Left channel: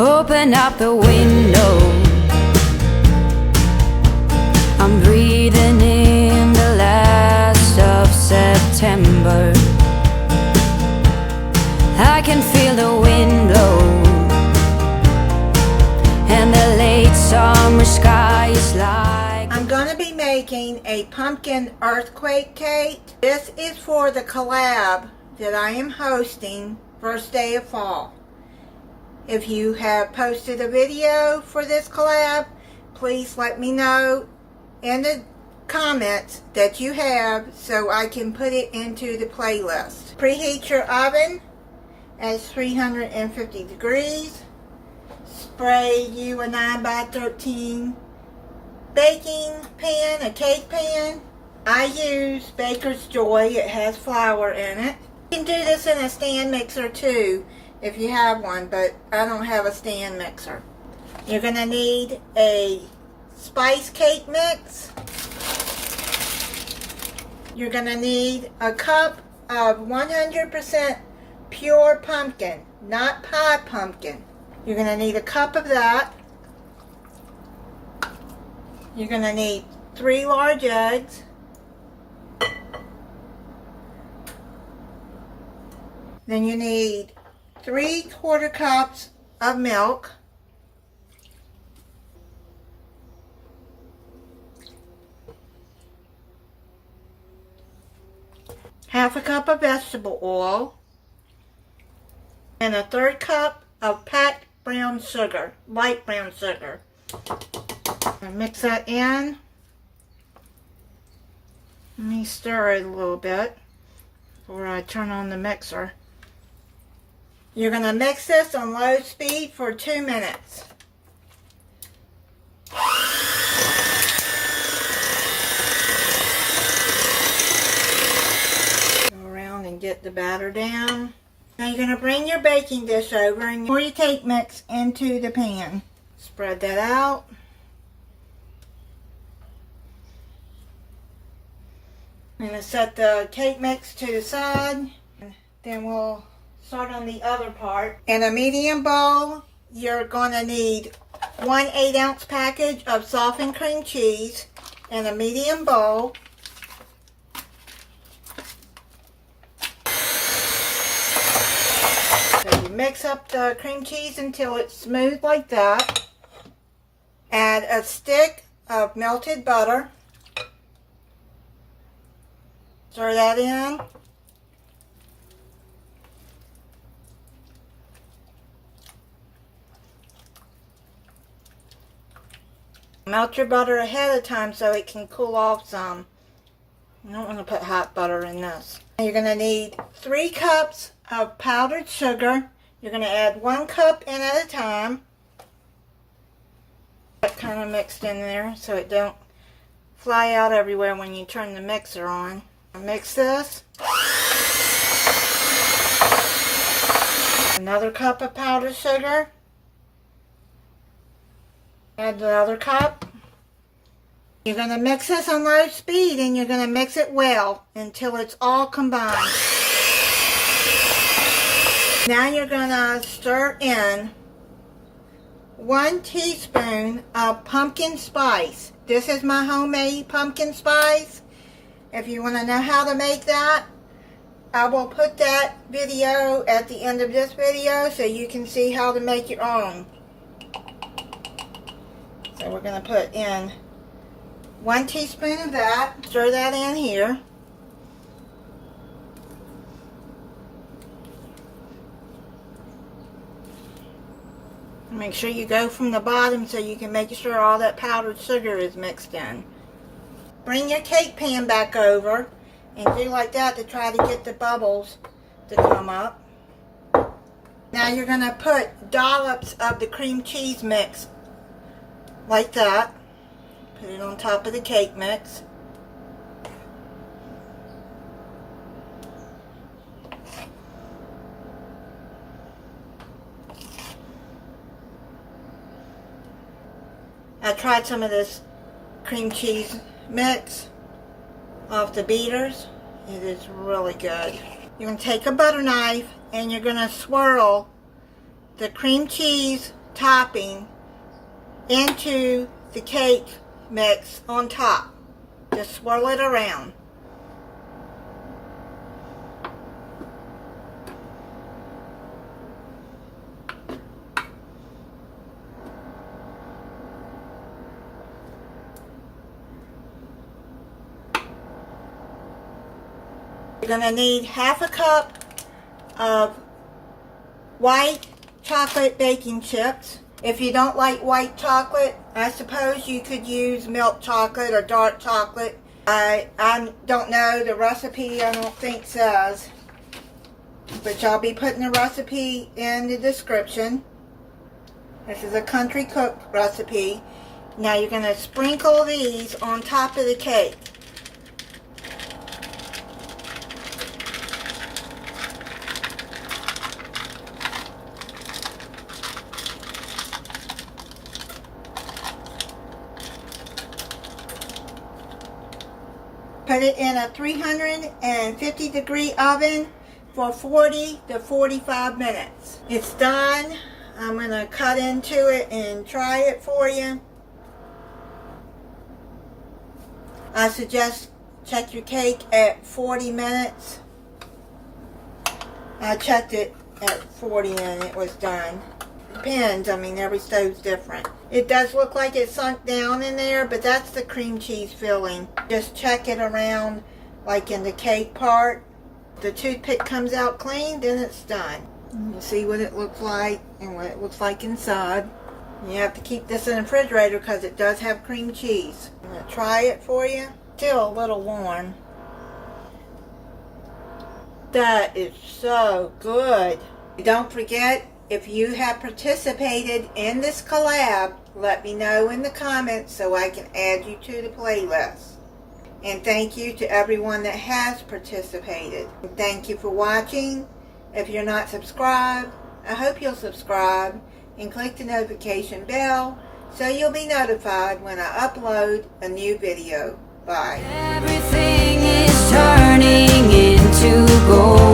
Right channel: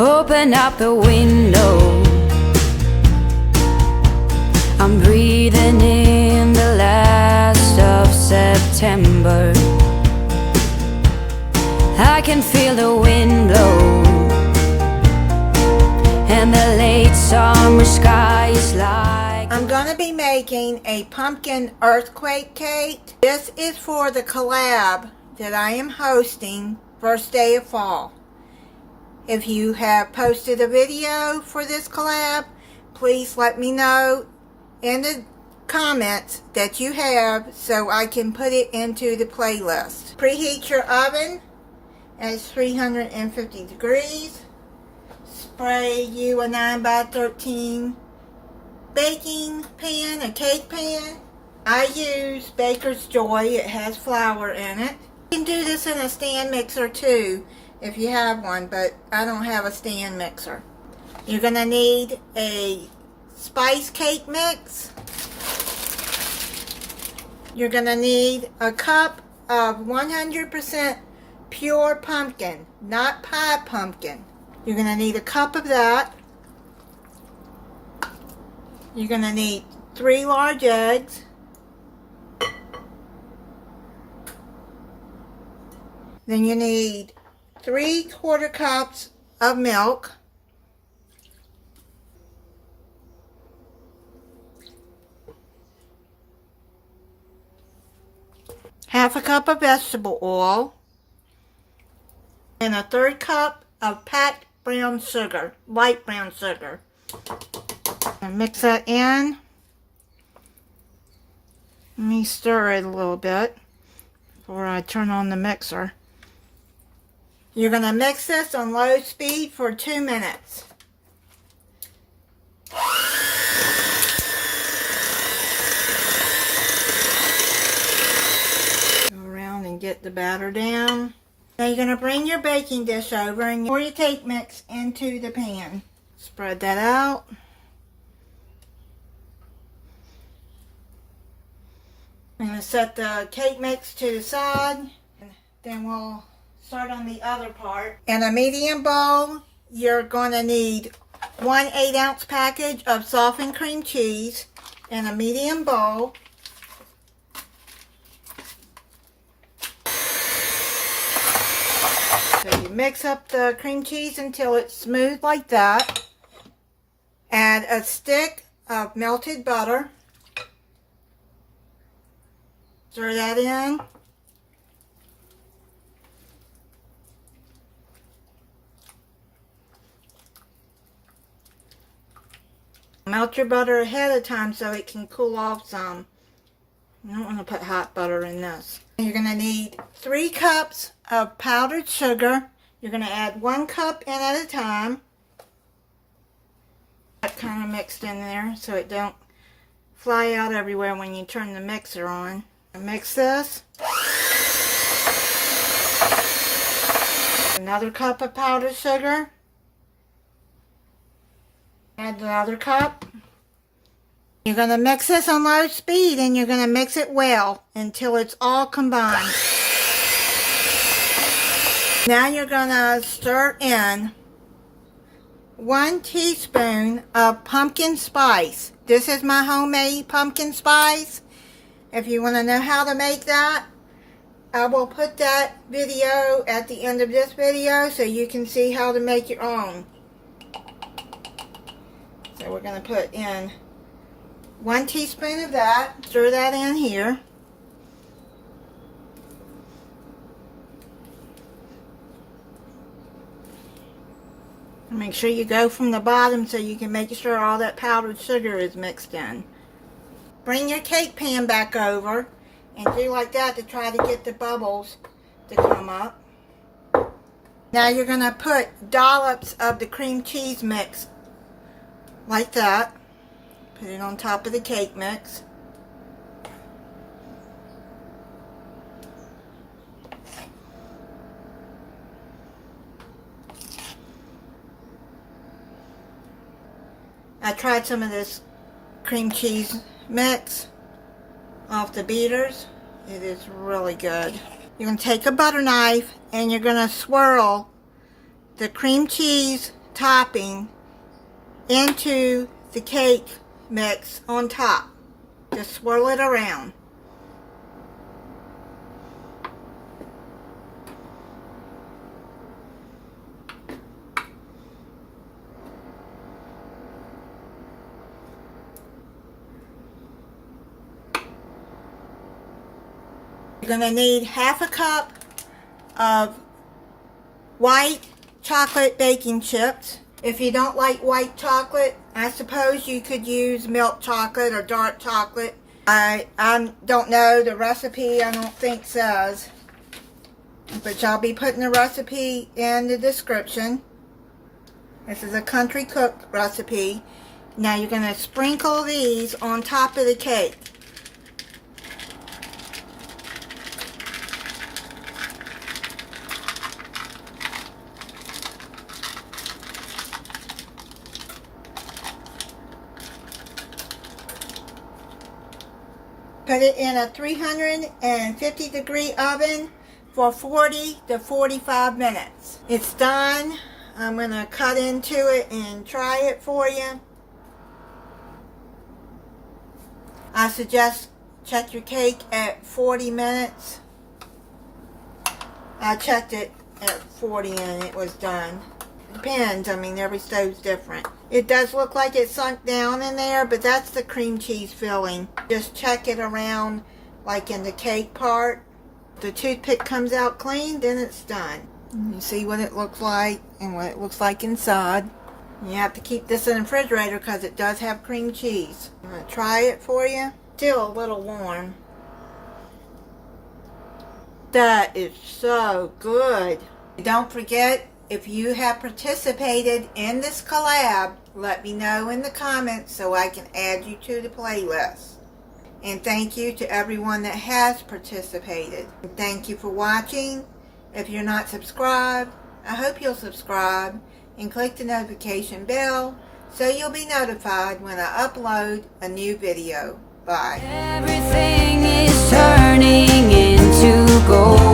Open up the window. I'm breathing in the last of September. I can feel the wind blow, and the late summer sky is like... I'm going to be making a pumpkin earthquake cake. This is for the collab that I am hosting first day of fall. If you have posted a video for this collab, please let me know in the comments that you have so I can put it into the playlist. Preheat your oven at 350 degrees. Spray you a 9x13 baking pan, a cake pan. I use Baker's Joy. It has flour in it. You can do this in a stand mixer too if you have one, but I don't have a stand mixer. You're going to need a spice cake mix. You're going to need a cup of 100% pure pumpkin, not pie pumpkin. You're going to need a cup of that. You're going to need 3 large eggs. Then you need 3/4 cups of milk. Half a cup of vegetable oil. And a 1/3 cup of packed brown sugar, light brown sugar. And mix that in. Let me stir it a little bit before I turn on the mixer. You're going to mix this on low speed for 2 minutes. Go around and get the batter down. Now you're going to bring your baking dish over and pour your cake mix into the pan. Spread that out. I'm going to set the cake mix to the side. Then we'll start on the other part. In a medium bowl, you're going to need 1 8-ounce package of softened cream cheese in a medium bowl. So you mix up the cream cheese until it's smooth like that. Add a stick of melted butter. Stir that in. Melt your butter ahead of time so it can cool off some. You don't want to put hot butter in this. You're going to need 3 cups of powdered sugar. You're going to add 1 cup in at a time. That kind of mixed in there so it don't fly out everywhere when you turn the mixer on. Mix this. Another cup of powdered sugar. Add another cup. You're going to mix this on low speed and you're going to mix it well until it's all combined. Now you're going to stir in 1 teaspoon of pumpkin spice. This is my homemade pumpkin spice. If you want to know how to make that, I will put that video at the end of this video so you can see how to make your own. So we're going to put in 1 teaspoon of that. Stir that in here. Make sure you go from the bottom so you can make sure all that powdered sugar is mixed in. Bring your cake pan back over and do like that to try to get the bubbles to come up. Now you're going to put dollops of the cream cheese mix like that. Put it on top of the cake mix. I tried some of this cream cheese mix off the beaters. It is really good. You're going to take a butter knife and you're going to swirl the cream cheese topping into the cake mix on top. Just swirl it around. You're going to need half a cup of white chocolate baking chips. If you don't like white chocolate, I suppose you could use milk chocolate or dark chocolate. I don't know the recipe, I don't think says. But I'll be putting the recipe in the description. This is a country cook recipe. Now you're going to sprinkle these on top of the cake. Put it in a 350 degree oven for 40 to 45 minutes. It's done. I'm going to cut into it and try it for you. I suggest check your cake at 40 minutes. I checked it at 40 and it was done. Depends, I mean every stove's different. It does look like it's sunk down in there, but that's the cream cheese filling. Just check it around like in the cake part. If the toothpick comes out clean, then it's done. You see what it looks like and what it looks like inside. You have to keep this in the refrigerator because it does have cream cheese. I'm going to try it for you. Still a little warm. That is so good. Don't forget, if you have participated in this collab, let me know in the comments so I can add you to the playlist. And thank you to everyone that has participated. And thank you for watching. If you're not subscribed, I hope you'll subscribe and click the notification bell so you'll be notified when I upload a new video. Bye. Everything is turning into gold.